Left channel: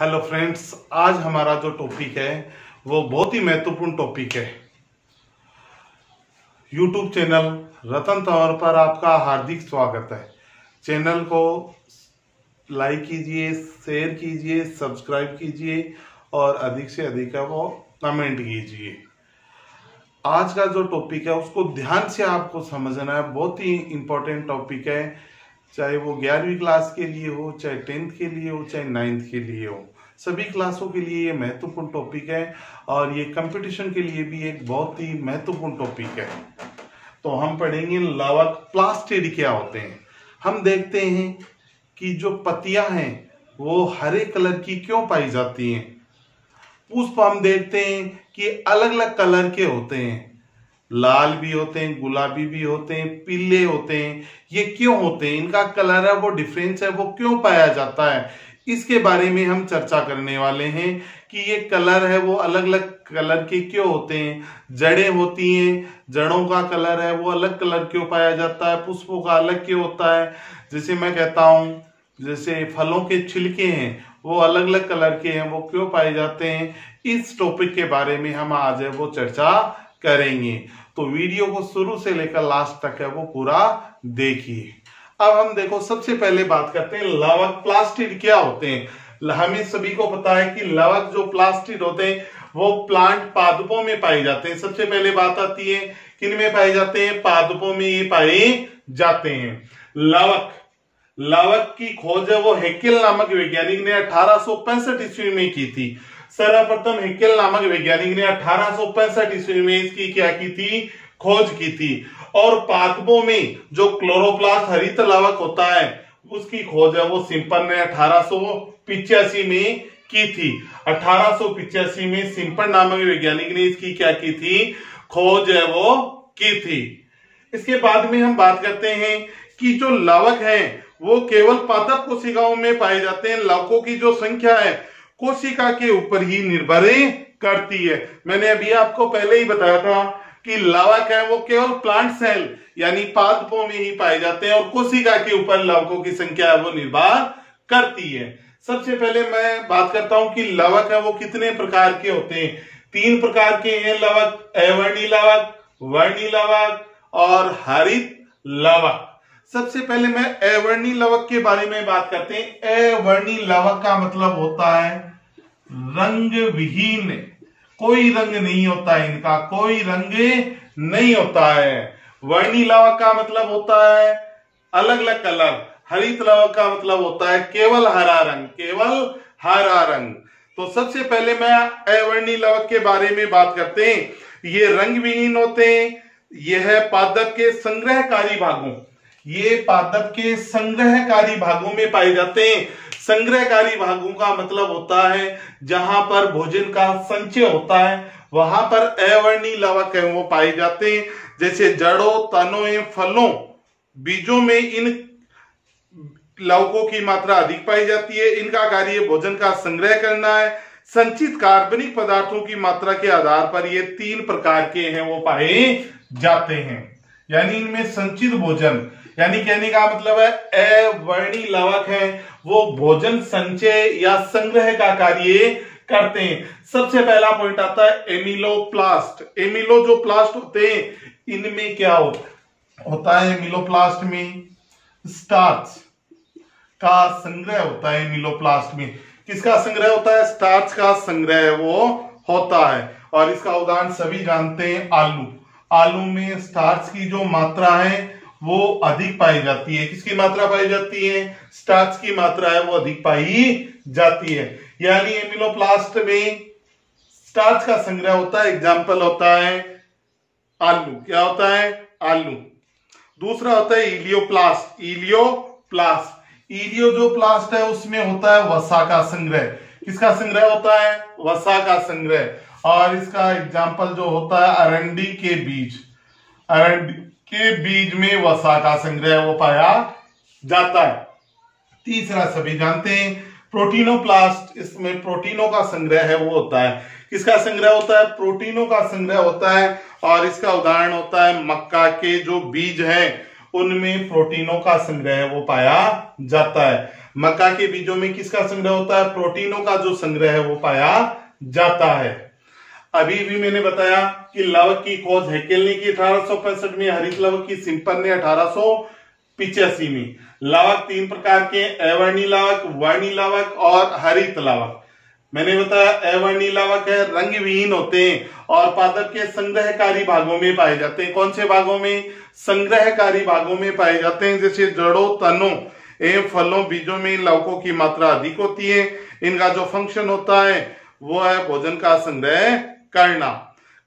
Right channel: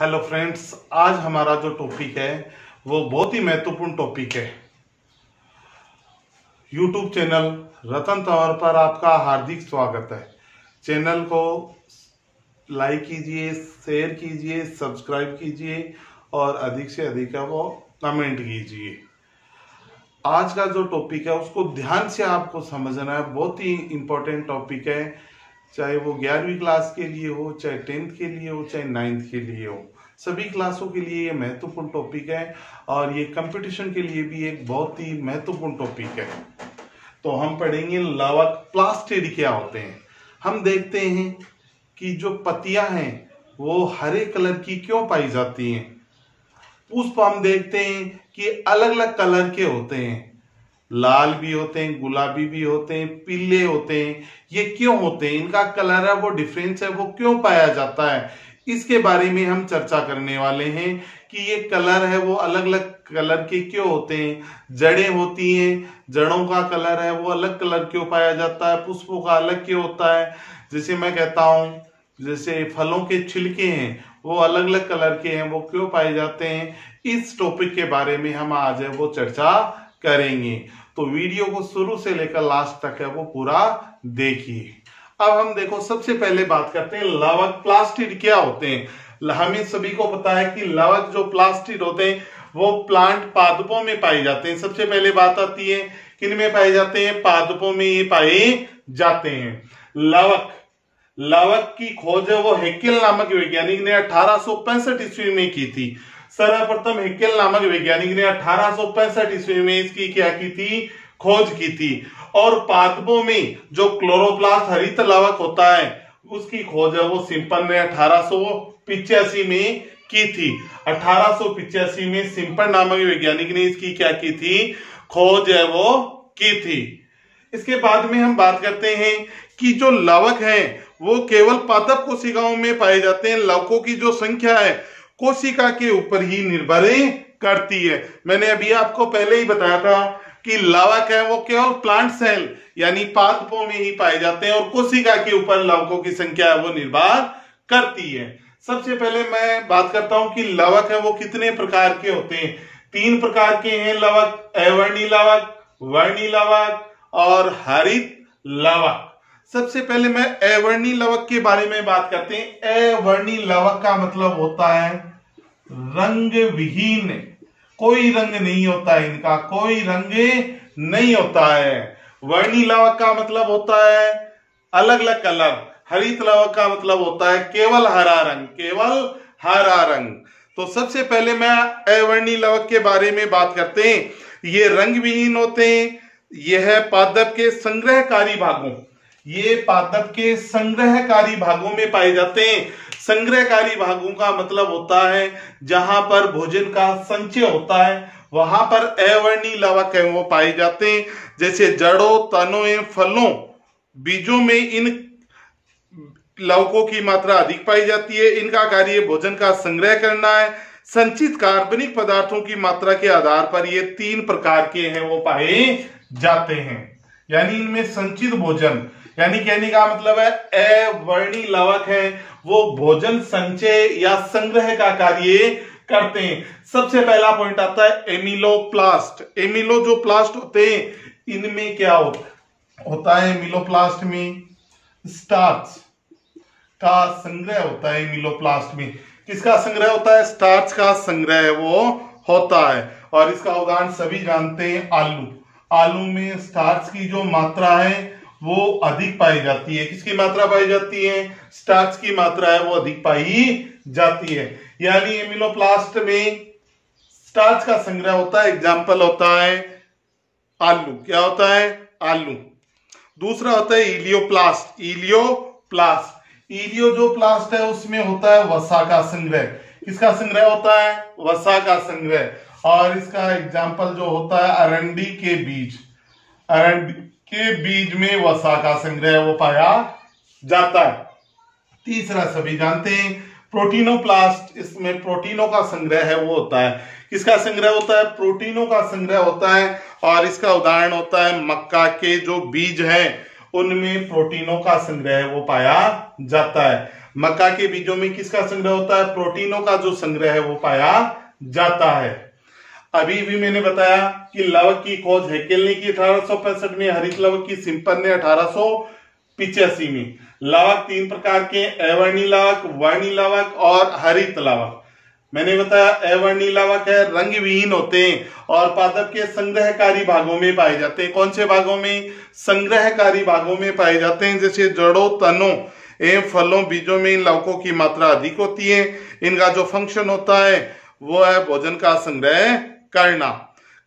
Hello friends, आज हमारा जो टॉपिक है वो बहुत ही महत्वपूर्ण टॉपिक है। यूट्यूब चैनल रतन तंवर पर आपका हार्दिक स्वागत है। चैनल को लाइक कीजिए, शेयर कीजिए, सब्सक्राइब कीजिए और अधिक से अधिक वो कमेंट कीजिए। आज का जो टॉपिक है उसको ध्यान से आपको समझना है। बहुत ही इम्पोर्टेंट टॉपिक है, चाहे वो 11वीं क्लास के लिए हो, चाहे 10th के लिए हो, चाहे 9th के लिए हो। सभी क्लासों के लिए ये महत्वपूर्ण टॉपिक है और ये कंपटीशन के लिए भी एक बहुत ही महत्वपूर्ण टॉपिक है। तो हम पढ़ेंगे लवक प्लास्टिड क्या होते हैं। हम देखते हैं कि जो पत्तियां हैं वो हरे कलर की क्यों पाई जाती हैं। पुष्प हम देखते हैं कि अलग अलग कलर के होते हैं, लाल भी होते हैं, गुलाबी भी होते हैं, पीले होते हैं। ये क्यों होते हैं, इनका कलर है वो डिफरेंस है वो क्यों पाया जाता है, इसके बारे में हम चर्चा करने वाले हैं कि ये कलर है वो अलग अलग कलर के क्यों होते हैं। जड़ें होती हैं, जड़ों का कलर है वो अलग कलर क्यों पाया जाता है, पुष्पों का अलग क्यों होता है। जैसे मैं कहता हूँ, जैसे फलों के छिलके हैं वो अलग अलग कलर के हैं, वो क्यों पाए जाते हैं। इस टॉपिक के बारे में हम आज है वो चर्चा करेंगे। तो वीडियो को शुरू से लेकर लास्ट तक है वो पूरा देखिए। अब हम देखो, सबसे पहले बात करते हैं लवक प्लास्टिड क्या होते हैं। हमें सभी को पता है कि लवक जो प्लास्टिड होते हैं वो प्लांट पादपों में पाए जाते हैं। सबसे पहले बात आती है किन में पाए जाते हैं, पादपों में ये पाए जाते हैं। लवक की खोज है वो हेकेल नामक वैज्ञानिक ने 1865 ईस्वी में की थी। सर्वप्रथम हेकेल नामक वैज्ञानिक ने 1865 ईस्वी में इसकी क्या की थी, खोज की थी। और पादपों में जो क्लोरोप्लास्ट हरित लवक होता है उसकी खोज है वो सिम्पन ने 1885 में की थी। 1885 में सिम्पन नामक वैज्ञानिक ने इसकी क्या की थी, खोज है वो की थी। इसके बाद में हम बात करते हैं कि जो लवक है वो केवल पादप कोशिकाओं में पाए जाते हैं। लवकों की जो संख्या है कोशिका के ऊपर ही निर्भर करती है। मैंने अभी आपको पहले ही बताया था कि लवक है वो केवल प्लांट सेल यानी पादपों में ही पाए जाते हैं और कोशिका के ऊपर लवकों की संख्या है वो निर्भर करती है। सबसे पहले मैं बात करता हूं कि लवक है वो कितने प्रकार के होते हैं। 3 प्रकार के हैं लवक, अवर्णी लवक, वर्णी लवक और हरित लवक। सबसे पहले मैं अवर्णी लवक के बारे में बात करते हैं। अवर्णी लवक का मतलब होता है रंग विहीन, कोई रंग नहीं होता है, इनका कोई रंग नहीं होता है। वर्णी लवक का मतलब होता है अलग अलग कलर। हरित लवक का मतलब होता है केवल हरा रंग, केवल हरा रंग। तो सबसे पहले मैं अवर्णी लवक के बारे में बात करते हैं। ये रंग विहीन होते हैं, यह पादप के संग्रहकारी भागों, ये पादप के संग्रहकारी भागों में पाए जाते हैं। संग्रहकारी भागों का मतलब होता है जहां पर भोजन का संचय होता है वहां पर अवर्णी लवक है वो पाए जाते हैं। जैसे जड़ों, तनों एवं फलों, बीजों में इन लवकों की मात्रा अधिक पाई जाती है। इनका कार्य भोजन का संग्रह करना है। संचित कार्बनिक पदार्थों की मात्रा के आधार पर ये 3 प्रकार के हैं वो पाए जाते हैं। यानी इनमें संचित भोजन, यानी कहने का मतलब है अवर्णी लवक है वो भोजन संचय या संग्रह का कार्य करते हैं। सबसे पहला पॉइंट आता है एमिलोप्लास्ट। एमिलो जो प्लास्ट होते हैं इनमें क्या होता है, एमिलोप्लास्ट में स्टार्च का संग्रह होता है। एमिलोप्लास्ट में किसका संग्रह होता है, स्टार्च का संग्रह वो होता है। और इसका उदाहरण सभी जानते हैं, आलू। आलू में स्टार्च की जो मात्रा है वो अधिक पाई जाती है। किसकी मात्रा पाई जाती है, स्टार्च की मात्रा है वो अधिक पाई जाती है। यानी एमिलोप्लास्ट में स्टार्च का संग्रह होता है। एग्जाम्पल होता है आलू। क्या होता है, आलू। दूसरा होता है इलियोप्लास्ट। इलियो जो प्लास्ट है उसमें होता है वसा का संग्रह। किसका संग्रह होता है, वसा का संग्रह। और इसका एग्जाम्पल जो होता है अरंडी के बीज। अरंडी के बीज में वसा का संग्रह वो पाया जाता है। तीसरा सभी जानते हैं प्रोटीनोप्लास्ट। इसमें प्रोटीनों का संग्रह है वो होता है। किसका संग्रह होता है, प्रोटीनों का संग्रह होता है। और इसका उदाहरण होता है मक्का के जो बीज हैं उनमें प्रोटीनों का संग्रह वो पाया जाता है। मक्का के बीजों में किसका संग्रह होता है? प्रोटीनों का जो संग्रह है वो पाया जाता है। अभी भी मैंने बताया कि लवक की खोज हैकेल ने की 1865 में, हरित लवक की सिम्पन ने 1885 में। लवक 3 प्रकार के, अवर्णी लवक, वर्णी लवक और हरित लवक। मैंने बताया अवर्णी लवक है, रंग विहीन होते हैं और पादप के संग्रहकारी भागों में पाए जाते हैं। कौन से भागों में? संग्रहकारी भागों में पाए जाते हैं, जैसे जड़ों, तनों एवं फलों, बीजों में इन लवकों की मात्रा अधिक होती है। इनका जो फंक्शन होता है वो है भोजन का संग्रह करना।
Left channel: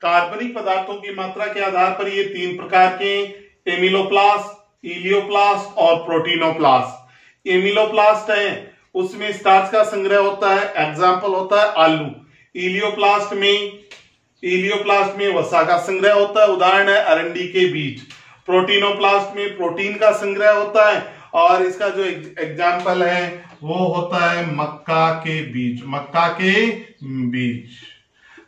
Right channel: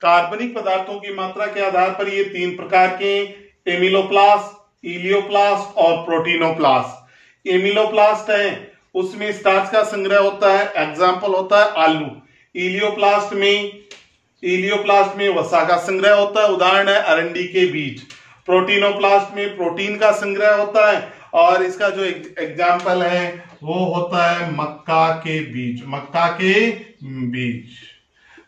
कार्बनिक पदार्थों की मात्रा के आधार पर ये 3 प्रकार के, एमिलोप्लास्ट, इलियोप्लास्ट और प्रोटीनोप्लास्ट। एमिलोप्लास्ट है उसमें स्टार्च का संग्रह होता है, एग्जाम्पल होता है आलू। इलियोप्लास्ट में वसा का संग्रह होता है, उदाहरण है अरंडी के बीज। प्रोटीनोप्लास्ट में प्रोटीन का संग्रह होता है और इसका जो एग्जाम्पल है वो होता है मक्का के बीज। मक्का के बीज।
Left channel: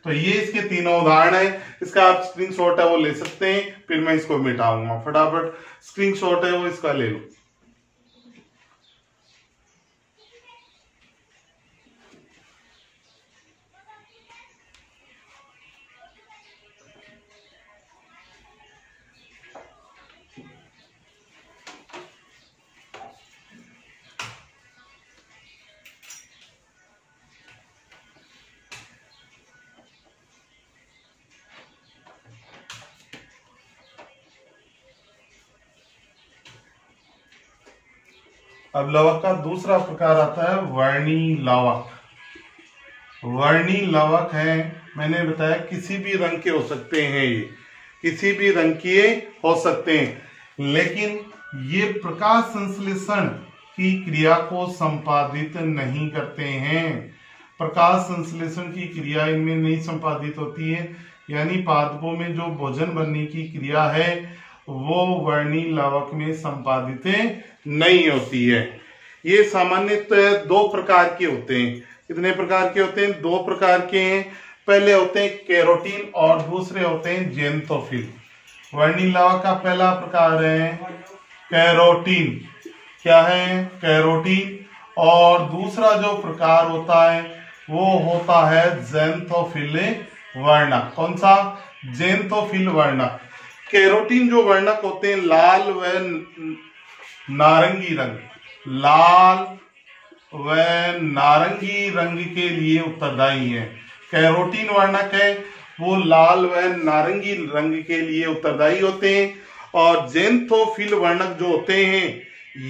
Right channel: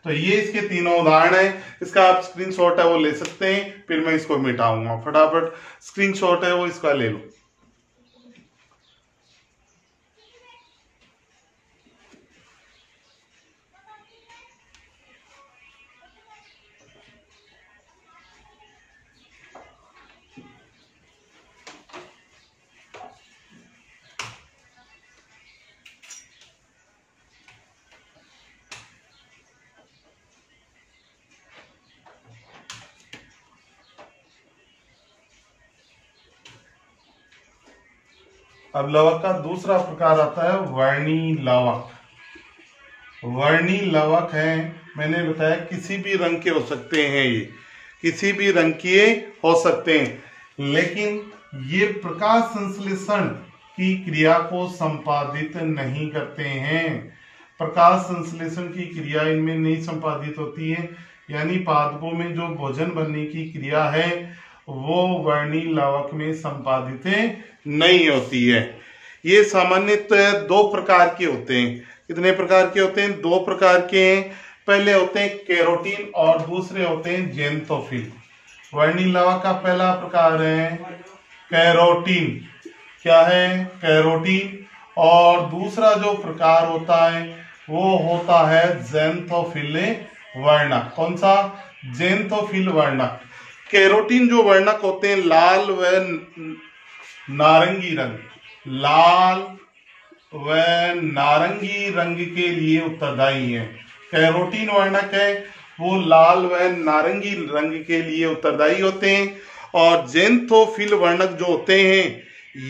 तो ये इसके तीनों उदाहरण है। इसका आप स्क्रीनशॉट है वो ले सकते हैं, फिर मैं इसको मिटाऊंगा। फटाफट स्क्रीनशॉट है वो इसका ले लो। अब लवक का दूसरा प्रकार आता है वर्णी लवक। वर्णी लवक है, मैंने बताया किसी भी रंग के हो सकते हैं, ये किसी भी रंग के हो सकते हैं, लेकिन ये प्रकाश संश्लेषण की क्रिया को संपादित नहीं करते हैं। प्रकाश संश्लेषण की क्रिया इनमें नहीं संपादित होती है, यानी पादपों में जो भोजन बनने की क्रिया है वो वर्णी लवक में संपादित नहीं होती है। ये सामान्यतः 2 प्रकार के होते हैं। कितने प्रकार के होते हैं? 2 प्रकार के हैं। पहले होते हैं कैरोटीन और दूसरे होते हैं जेंथोफिल। वर्णी लवक का पहला प्रकार है कैरोटीन। क्या है? कैरोटीन। और दूसरा जो प्रकार होता है वो होता है जेंथोफिल वर्णक। कौन सा? जेंथोफिल वर्णक। कैरोटीन जो वर्णक होते हैं लाल व नारंगी रंग, लाल व नारंगी रंग के लिए उत्तरदायी है। कैरोटीन वर्णक है वो लाल व नारंगी रंग के लिए उत्तरदायी होते हैं। और जेंथोफिल वर्णक जो होते हैं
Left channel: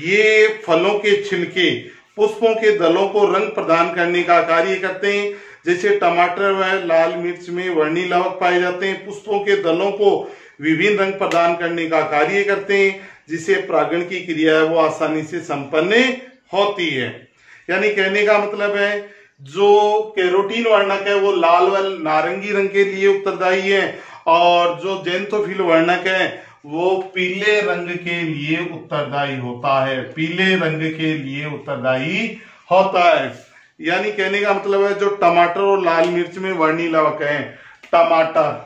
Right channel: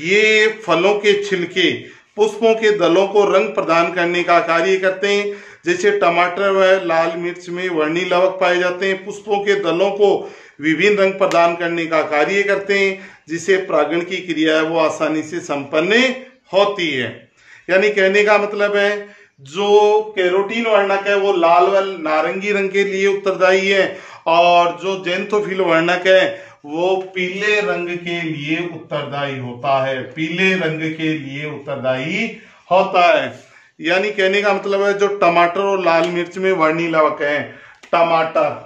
ये फलों के छिलके, पुष्पों के दलों को रंग प्रदान करने का कार्य करते हैं। जैसे टमाटर व लाल मिर्च में वर्णी लवक पाए जाते हैं, पुष्पों के दलों को विभिन्न रंग प्रदान करने का कार्य करते हैं, जिसे परागण की क्रिया है वो आसानी से संपन्न होती है। यानी कहने का मतलब है जो कैरोटीन वर्णक है वो लाल व नारंगी रंग के लिए उत्तरदायी है और जो जेंथोफिल वर्णक है वो पीले रंग के लिए उत्तरदायी होता है। पीले रंग के लिए उत्तरदायी होता है। यानी कहने का मतलब है जो टमाटर और लाल मिर्च में वर्णी लवक है, टमाटर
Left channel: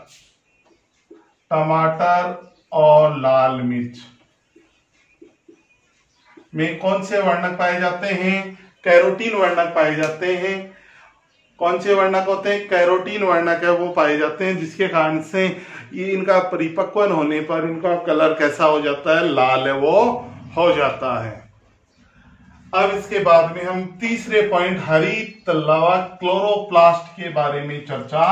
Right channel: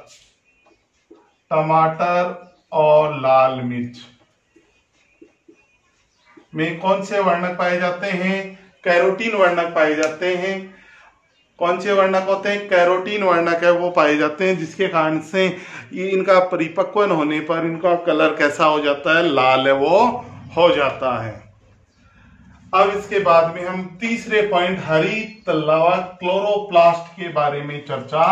और लाल मिर्च में कौन से वर्णक पाए जाते हैं? कैरोटीन वर्णक पाए जाते हैं। कौन से वर्णक होते हैं? कैरोटीन वर्णक है वो पाए जाते हैं, जिसके कारण से ये इनका परिपक्वन होने पर इनका कलर कैसा हो जाता है? लाल है वो हो जाता है। अब इसके बाद में हम तीसरे पॉइंट हरित लवक क्लोरोप्लास्ट के बारे में चर्चा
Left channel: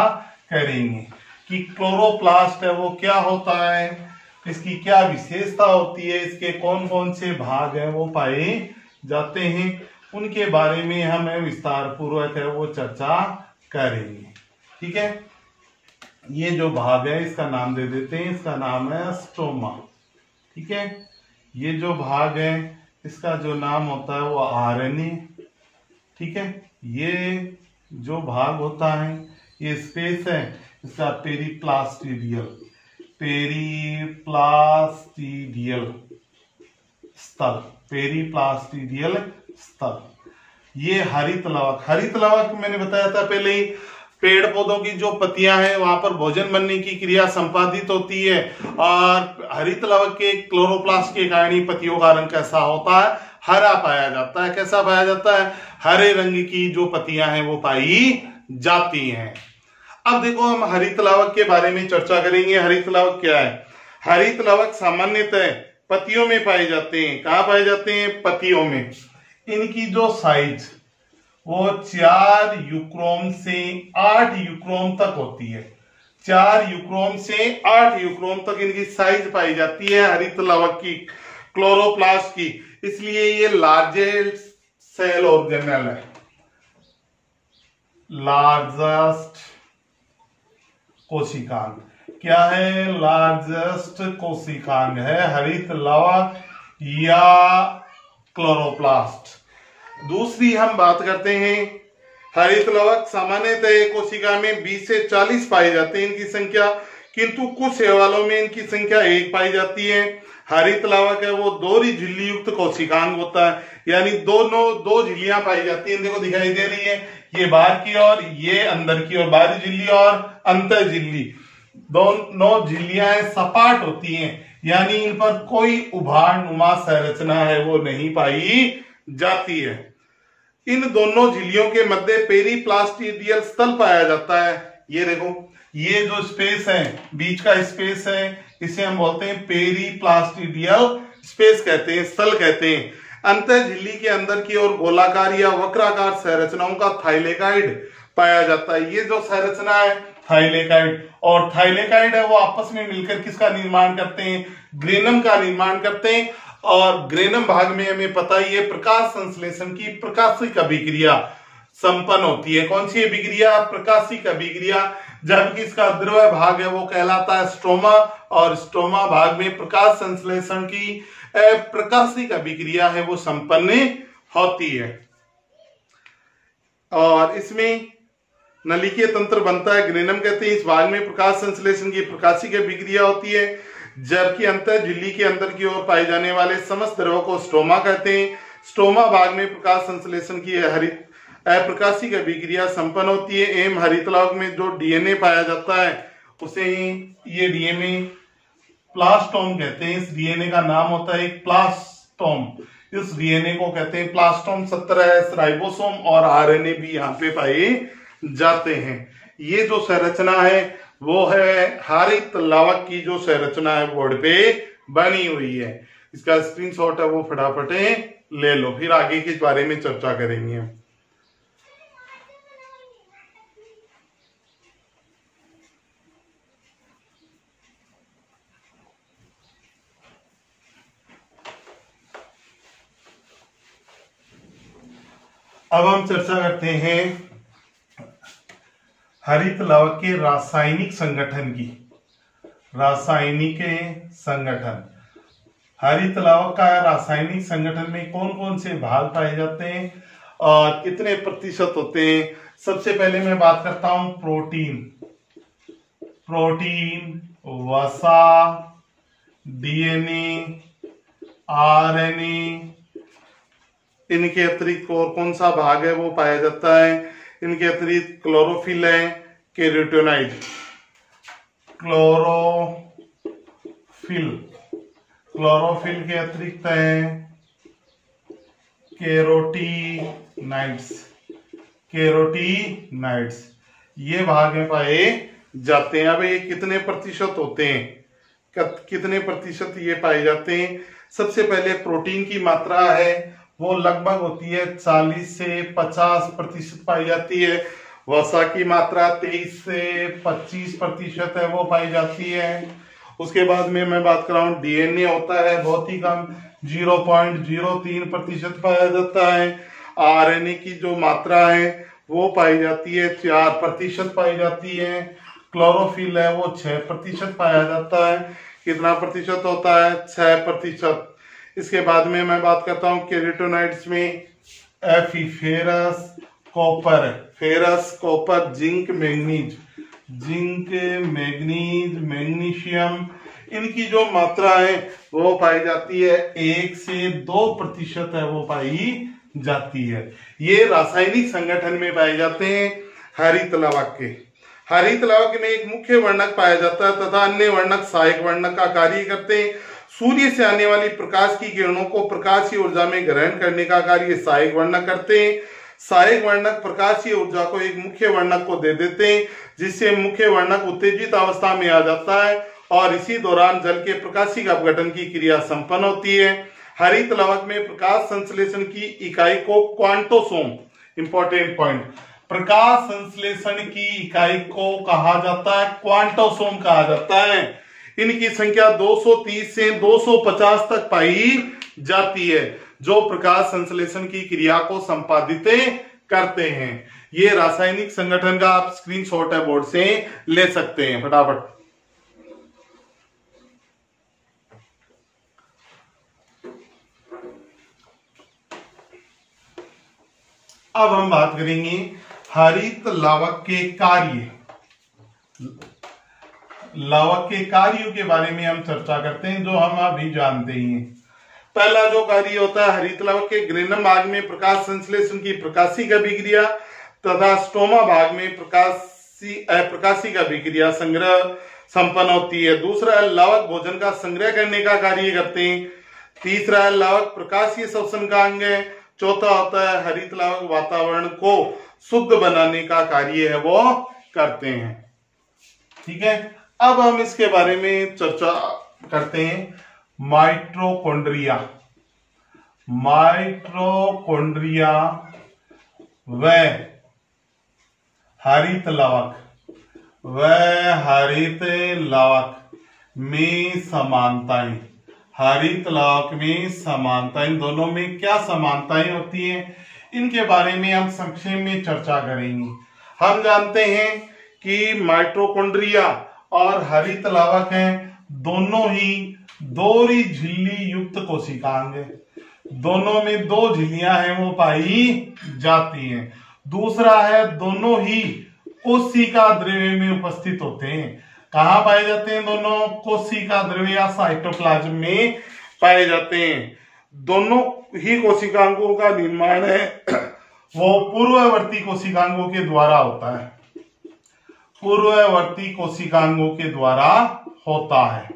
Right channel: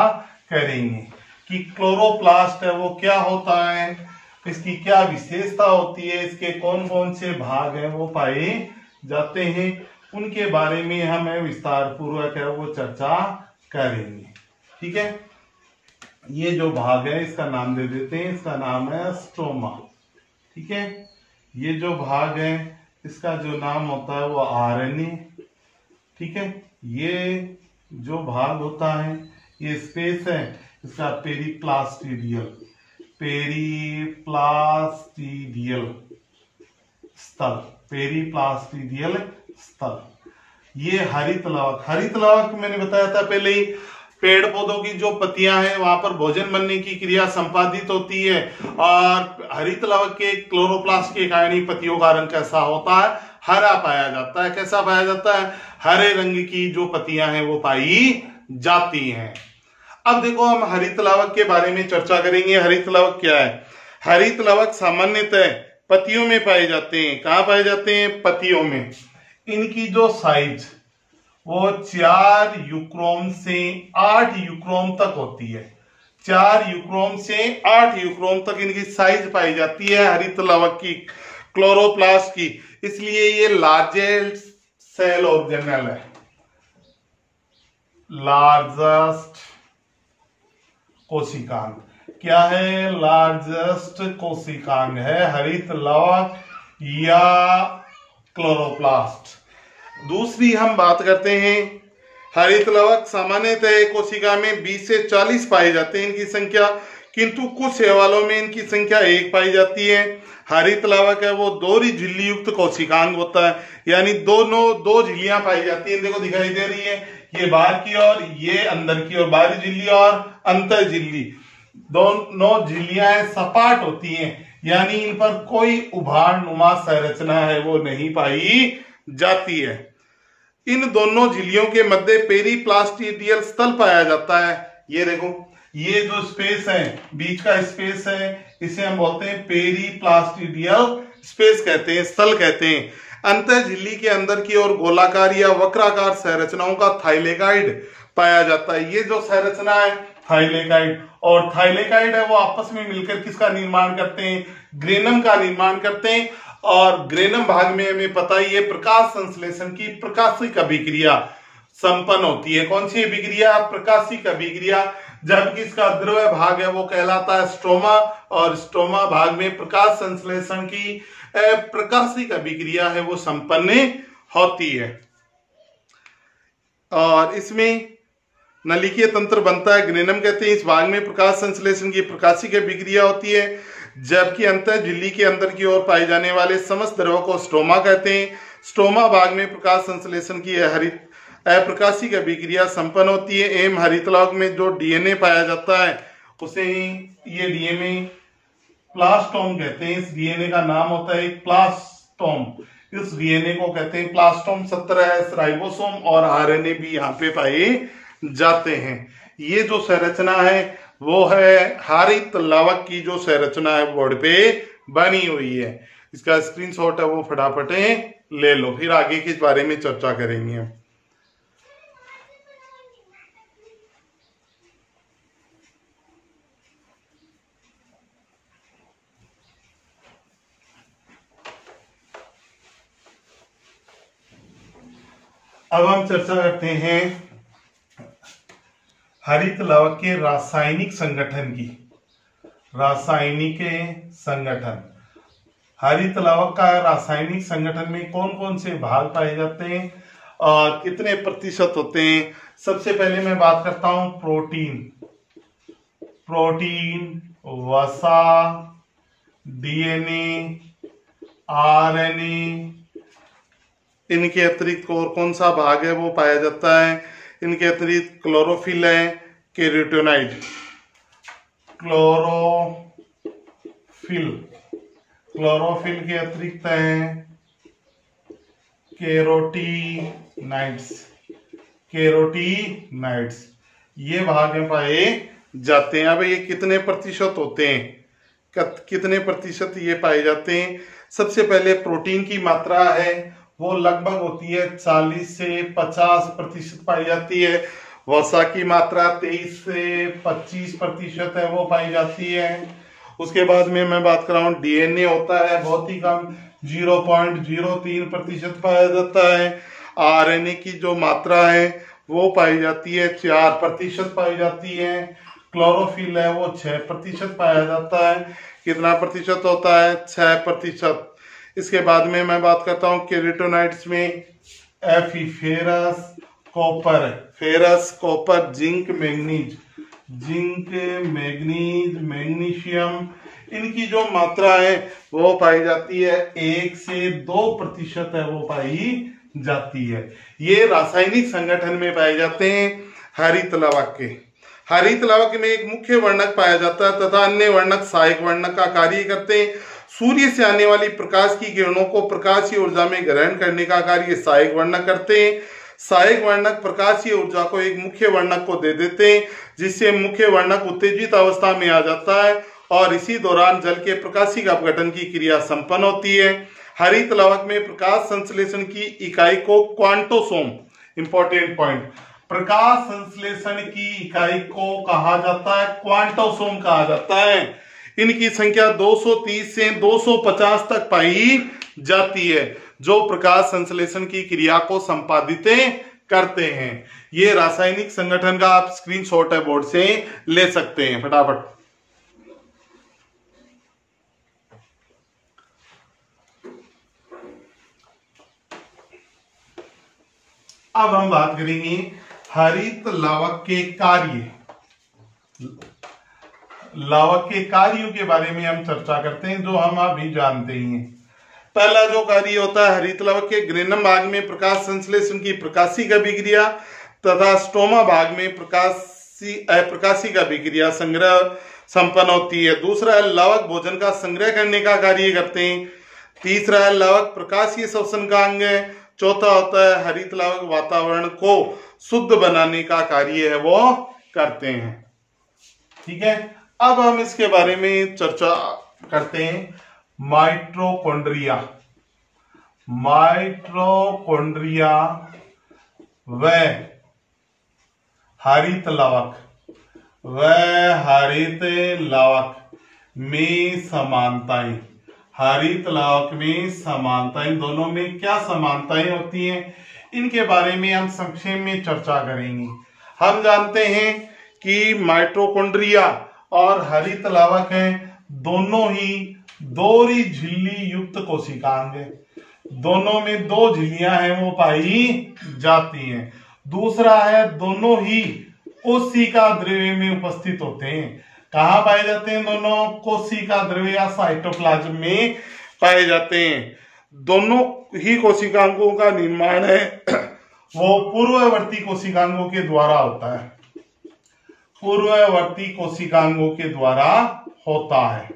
करेंगे कि क्लोरोप्लास्ट है वो क्या होता है, इसकी क्या विशेषता होती है, इसके कौन कौन से भाग हैं वो पाए जाते हैं, उनके बारे में हम विस्तार पूर्वक है वो चर्चा करेंगे। ठीक है, ये जो भाग है इसका नाम दे देते हैं, इसका नाम है स्टोमा। ठीक है, ये जो भाग है इसका जो नाम होता है वो आरएनए। ठीक है, ये जो भाग होता है ये स्पेस है इसका पेरीप्लास्टिडियल स्थल, पेरीप्लास्टिडियल स्थल। ये हरित लवक मैंने बताया था पहले ही, पेड़ पौधों की जो पत्तियां हैं वहां पर भोजन बनने की क्रिया संपादित होती है और हरित लवक के क्लोरोप्लास्ट के कारण ही पत्तियों का रंग कैसा होता है? हरा पाया जाता है। कैसा पाया जाता है? हरे रंग की जो पत्तियां हैं वो पाई जाती हैं। अब देखो हम हरित लवक के बारे में चर्चा करेंगे। हरित लवक क्या है? हरित लवक सामान्यतः पत्तियों में पाए जाते हैं। कहाँ पाए जाते हैं? पत्तियों में। इनकी जो साइज वो 4 यूक्रोम से 8 यूक्रोम तक होती है। 4 यूक्रोम से 8 यूक्रोम तक इनकी साइज पाई जाती है हरित लवक की, क्लोरोप्लास्ट की। इसलिए ये लार्जेस्ट सेल ऑर्गेनेल है, लार्जेस्ट कोशिकांग। क्या है? लार्जेस्ट कोशिकांग है हरित लवक या क्लोरोप्लास्ट। दूसरी हम बात करते हैं, हरित लवक सामान्यतः कोशिका में 20 से 40 पाए जाते हैं इनकी संख्या, किंतु कुछ शैवालों में इनकी संख्या 1 पाई जाती है। हरित लवक है वो 2 झिल्ली युक्त कोशिकांग होता है, यानी दोनों 2 झिल्लियां पाई जाती हैं। देखो दिखाई दे रही है, ये बाहर की ओर, ये अंदर की ओर, बाहरी झिल्ली और अंतर झिल्ली। दोनों झिल्लियां सपाट होती हैं, यानी इन पर कोई उभार नुमा संरचना है वो नहीं पाई जाती है। इन दोनों झिल्लियों के मध्य पेरीप्लास्टिडियल स्थल पाया जाता है। ये देखो, ये जो स्पेस है, बीच का स्पेस है, इसे हम बोलते हैं पेरीप्लास्टिडियल स्पेस कहते हैं, स्थल कहते हैं। अंतर झिल्ली के अंदर की ओर गोलाकार या वक्राकार संरचनाओं का थाइलेकाइड पाया जाता है। ये जो संरचना है थाइलेकाइड, और थाइलेकाइड है वो आपस में मिलकर किसका निर्माण करते हैं? ग्रेनम का निर्माण करते हैं। और ग्रेनम भाग में हमें पता ही है प्रकाश संश्लेषण की प्रकाशिक अभिक्रिया संपन्न होती है। कौन सी अभिक्रिया? प्रकाशिक अभिक्रिया। जबकि इसका द्रव भाग है वो कहलाता है स्ट्रोमा, और स्ट्रोमा भाग में प्रकाश संश्लेषण की प्रकाशिक अभिक्रिया है वो संपन्न होती है। और इसमें नलिकीय तंत्र बनता है, ग्रेनम कहते हैं। इस भाग में प्रकाश संश्लेषण की प्रकाशिक अभिक्रिया होती है, जबकि अंतर झिल्ली के अंदर की ओर पाए जाने वाले समस्त द्रव को स्ट्रोमा कहते हैं। स्ट्रोमा भाग में प्रकाश संश्लेषण की हरित अप्रकाशिक अभिक्रिया संपन्न होती है। एवं हरित लवक में जो डीएनए पाया जाता है उसे ये डीएनए प्लास्टोम कहते हैं। इस डीएनए का नाम होता है प्लास्टोम। इस डीएनए को कहते हैं प्लास्टोम। 17 राइबोसोम और आरएनए भी यहाँ पे पाए जाते हैं। ये जो संरचना है वो है हरित लवक की जो संरचना है बोर्ड पे बनी हुई है। इसका स्क्रीनशॉट है वो फटाफट ले लो, फिर आगे के बारे में चर्चा करेंगे। अब हम चर्चा करते हैं हरित लवक के रासायनिक संगठन की। रासायनिक संगठन, हरित लवक का रासायनिक संगठन में कौन कौन से भाग पाए जाते हैं और कितने प्रतिशत होते हैं? सबसे पहले मैं बात करता हूं प्रोटीन। प्रोटीन, वसा, डीएनए, आरएनए, इनके अतिरिक्त और कौन सा भाग है वो पाया जाता है? इनके अतिरिक्त क्लोरोफिल है, केरोटिनॉइड, क्लोरोफिल के अतिरिक्त है केरोटिनाइड्स, ये भाग में पाए जाते हैं। अब ये कितने प्रतिशत होते हैं? कितने प्रतिशत ये पाए जाते हैं? सबसे पहले प्रोटीन की मात्रा है वो लगभग होती है 40 से 50% पाई जाती है। वसा की मात्रा 23 से 25% है वो पाई जाती है। उसके बाद में मैं बात कर रहा हूँ डीएनए होता है बहुत ही कम, 0.03% पाया जाता है। आरएनए की जो मात्रा है वो पाई जाती है 4% पाई जाती है। क्लोरोफिल है वो 6% पाया जाता है। कितना प्रतिशत होता है? 6%। इसके बाद में मैं बात करता हूँ केरोटिनॉइड्स में ferrous, copper, zinc, manganese, magnesium, इनकी जो मात्रा है वो पाई जाती है 1 से 2% है वो पाई जाती है। ये रासायनिक संगठन में पाए जाते हैं हरित लवक के। हरित लवक में एक मुख्य वर्णक पाया जाता है तथा अन्य वर्णक सहायक वर्णक का कार्य करते हैं। सूर्य से आने वाली प्रकाश की किरणों को प्रकाशीय ऊर्जा में ग्रहण करने का कार्य सहायक वर्णक करते हैं। सहायक वर्णक प्रकाशीय ऊर्जा को एक मुख्य वर्णक को दे देते हैं, जिससे मुख्य वर्णक उत्तेजित अवस्था में आ जाता है और इसी दौरान जल के प्रकाशिक अपघटन की क्रिया संपन्न होती है। हरित लवक में प्रकाश संश्लेषण की इकाई को क्वांटोसोम, इंपॉर्टेंट पॉइंट, प्रकाश संश्लेषण की इकाई को कहा जाता है क्वांटोसोम कहा जाता है। इनकी संख्या 230 से 250 तक पाई जाती है, जो प्रकाश संश्लेषण की क्रिया को संपादित करते हैं। ये रासायनिक संगठन का आप स्क्रीनशॉट है बोर्ड से ले सकते हैं फटाफट। अब हम बात करेंगे हरित लवक के कार्य। लवक के कार्यों के बारे में हम चर्चा करते हैं, जो हम अभी जानते हैं। पहला जो कार्य होता है हरित लवक के ग्रेनम भाग में प्रकाश संश्लेषण की प्रकाशिक अभिक्रिया तथा स्टोमा भाग में अप्रकाशिक अभिक्रिया संग्रह संपन्न होती है। दूसरा लवक भोजन का संग्रह करने का कार्य करते हैं। तीसरा लवक प्रकाशीय श्वसन का अंग है। चौथा होता है हरित लवक वातावरण को शुद्ध बनाने का कार्य है वो करते हैं। ठीक है, अब हम इसके बारे में चर्चा करते हैं। माइटोकॉन्ड्रिया, माइटोकॉन्ड्रिया व हरित लवक में समानताएं। हरित लवक में समानताएं, दोनों में क्या समानताएं होती हैं, इनके बारे में हम संक्षेप में चर्चा करेंगे। हम जानते हैं कि माइटोकॉन्ड्रिया और हरित लवक हैं, दोनों ही दोहरी झिल्ली युक्त कोशिकांग है। दोनों में दो झिल्लियां हैं वो पाई जाती हैं। दूसरा है दोनों ही कोशिका द्रव्य में उपस्थित होते हैं। कहाँ पाए जाते हैं? दोनों कोशिका द्रव्य या साइटोप्लाज्म में पाए जाते हैं। दोनों ही कोशिकांगों का निर्माण है वो पूर्ववर्ती कोशिकांगों के द्वारा होता है। पूर्ववर्ती कोशिकांगों के द्वारा होता है।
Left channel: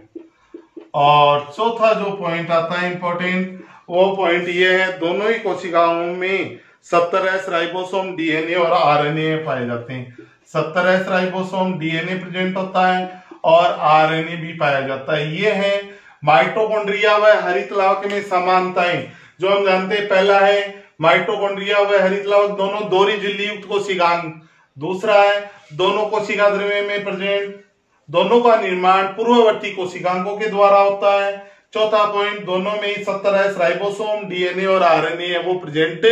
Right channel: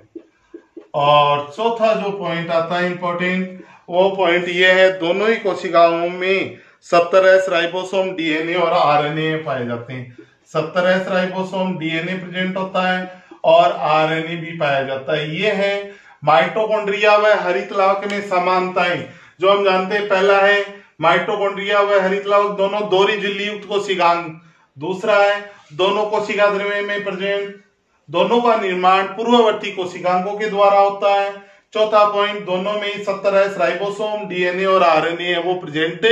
और चौथा जो पॉइंट आता है इंपॉर्टेंट, वो पॉइंट ये है दोनों ही कोशिकाओं में 70S राइबोसोम डीएनए और आरएनए पाए जाते हैं। 70S राइबोसोम डीएनए प्रेजेंट होता है और आरएनए भी पाया जाता है। ये है माइटोकॉन्ड्रिया व हरित लवक में समानताएं जो हम जानते हैं। पहला है माइटोकॉन्ड्रिया व हरित लवक दोनों दोहरी झिल्ली युक्त कोशिकांग। दूसरा है दोनों कोशिका द्रव्य में प्रेजेंट, दोनों का निर्माण पूर्ववर्ती कोशिकांगों के द्वारा होता है। चौथा पॉइंट, दोनों में ही 70S राइबोसोम डीएनए और आरएनए है वो प्रेजेंट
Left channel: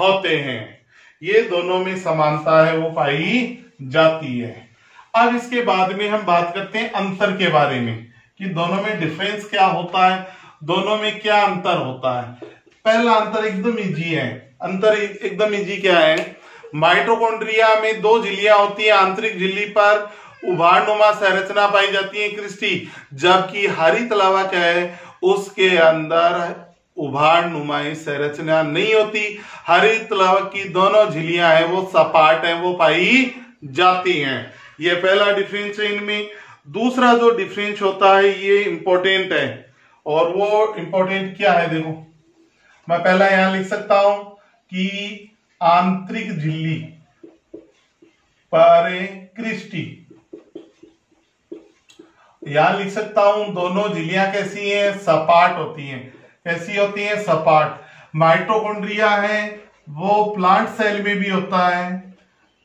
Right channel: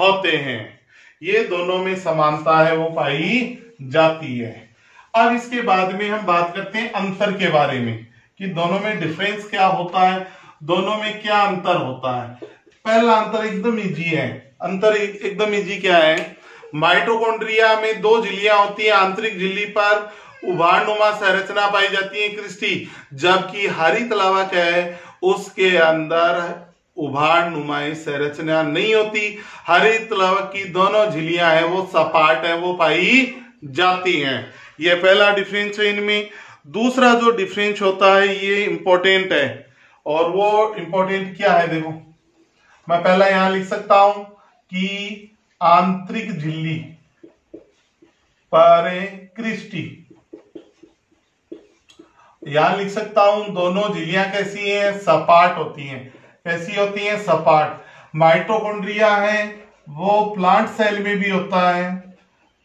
होते हैं। ये दोनों में समानता है वो पाई जाती है। अब इसके बाद में हम बात करते हैं अंतर के बारे में कि दोनों में डिफरेंस क्या होता है, दोनों में क्या अंतर होता है। पहला अंतर एकदम इजी है। अंतर एकदम इजी क्या है? माइटोकॉन्ड्रिया में दो झिल्लियां होती है। आंतरिक झिल्ली पर उभारनुमा संरचना पाई जाती है क्रिस्टी, जबकि हरित लवक है उसके अंदर उभारनुमाई संरचना नहीं होती। हरित लवक की दोनों झिल्लियां हैं वो सपाट है वो पाई जाती हैं। ये पहला डिफरेंस है इनमें। दूसरा जो डिफरेंस होता है ये इंपॉर्टेंट है, और वो इंपॉर्टेंट क्या है देखो, मैं पहला यहां लिख सकता हूं कि आंतरिक झिल्ली पर क्रिस्टी, यहां लिख सकता हूं दोनों झिल्लियां कैसी हैं? सपाट होती हैं। कैसी होती हैं? सपाट। माइटोकॉन्ड्रिया है वो प्लांट सेल में भी होता है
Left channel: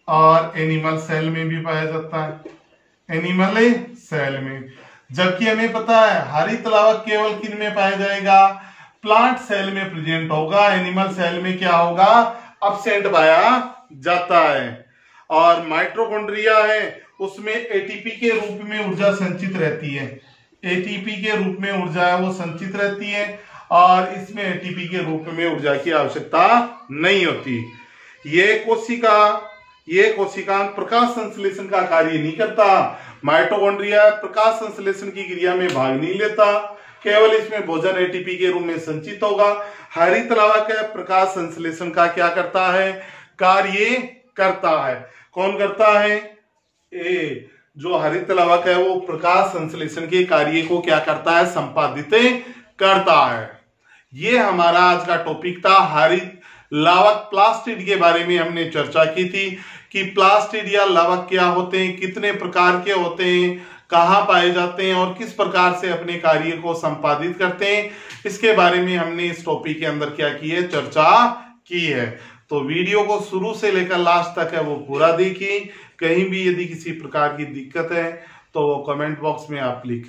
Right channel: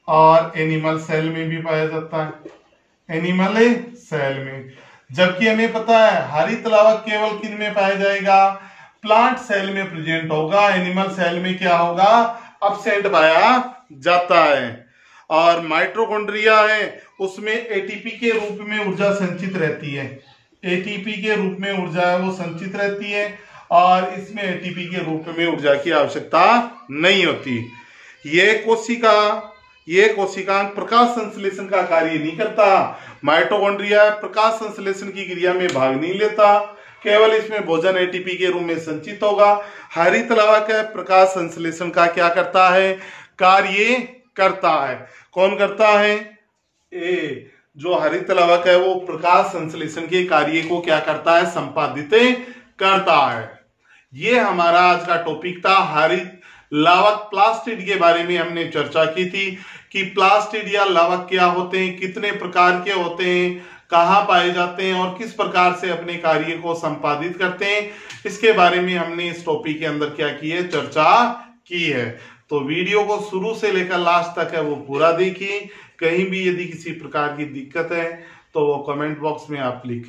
और एनिमल सेल में भी पाया जाता है। एनिमल सेल में, जबकि हमें पता है हरित लवक केवल किन में पाया जाएगा? प्लांट सेल में प्रेजेंट होगा। एनिमल सेल में क्या होगा? एब्सेंट पाया जाता है। और माइटोकॉन्ड्रिया है उसमें एटीपी के रूप में ऊर्जा संचित रहती है। एटीपी के रूप में ऊर्जा है वो संचित रहती है और इसमें एटीपी के रूप में ऊर्जा की आवश्यकता नहीं होती। ये कोशिका प्रकाश संश्लेषण का कार्य नहीं करता। माइटोकॉन्ड्रिया प्रकाश संश्लेषण की क्रिया में भाग नहीं लेता, केवल इसमें भोजन एटीपी के रूप में संचित होगा। हरित लवक है प्रकाश संश्लेषण का क्या करता है? कार्य करता है। कौन करता है? जो हरित लवक है वो प्रकाश संश्लेषण के कार्य को क्या करता है, संपादित करता है। ये हमारा आज का टॉपिक था। हरित लवक प्लास्टिड के बारे में हमने चर्चा की थी कि प्लास्टिड या लवक क्या होते हैं, कितने प्रकार के होते हैं, कहाँ पाए जाते हैं और किस प्रकार से अपने कार्य को संपादित करते हैं, इसके बारे में हमने इस टॉपिक के अंदर क्या की है, चर्चा की है। तो वीडियो को शुरू से लेकर लास्ट तक है वो पूरा देखिए। कहीं भी यदि किसी प्रकार की दिक्कत है तो वो कमेंट बॉक्स में आप लिख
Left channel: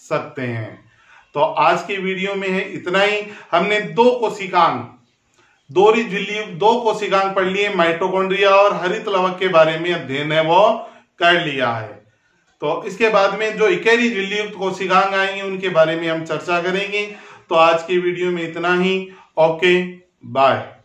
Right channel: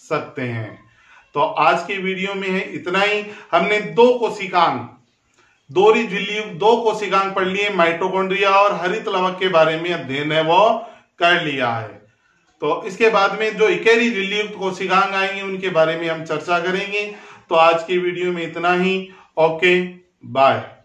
सकते हैं। तो आज की वीडियो में है इतना ही। हमने दो कोशिकांग पढ़ लिए, माइटोकॉन्ड्रिया और हरित लवक के बारे में अध्ययन है वो कर लिया है। तो इसके बाद में जो इकैरी झिल्ली कोशिकांग आएंगे उनके बारे में हम चर्चा करेंगे। तो आज की वीडियो में इतना ही। Okay, bye.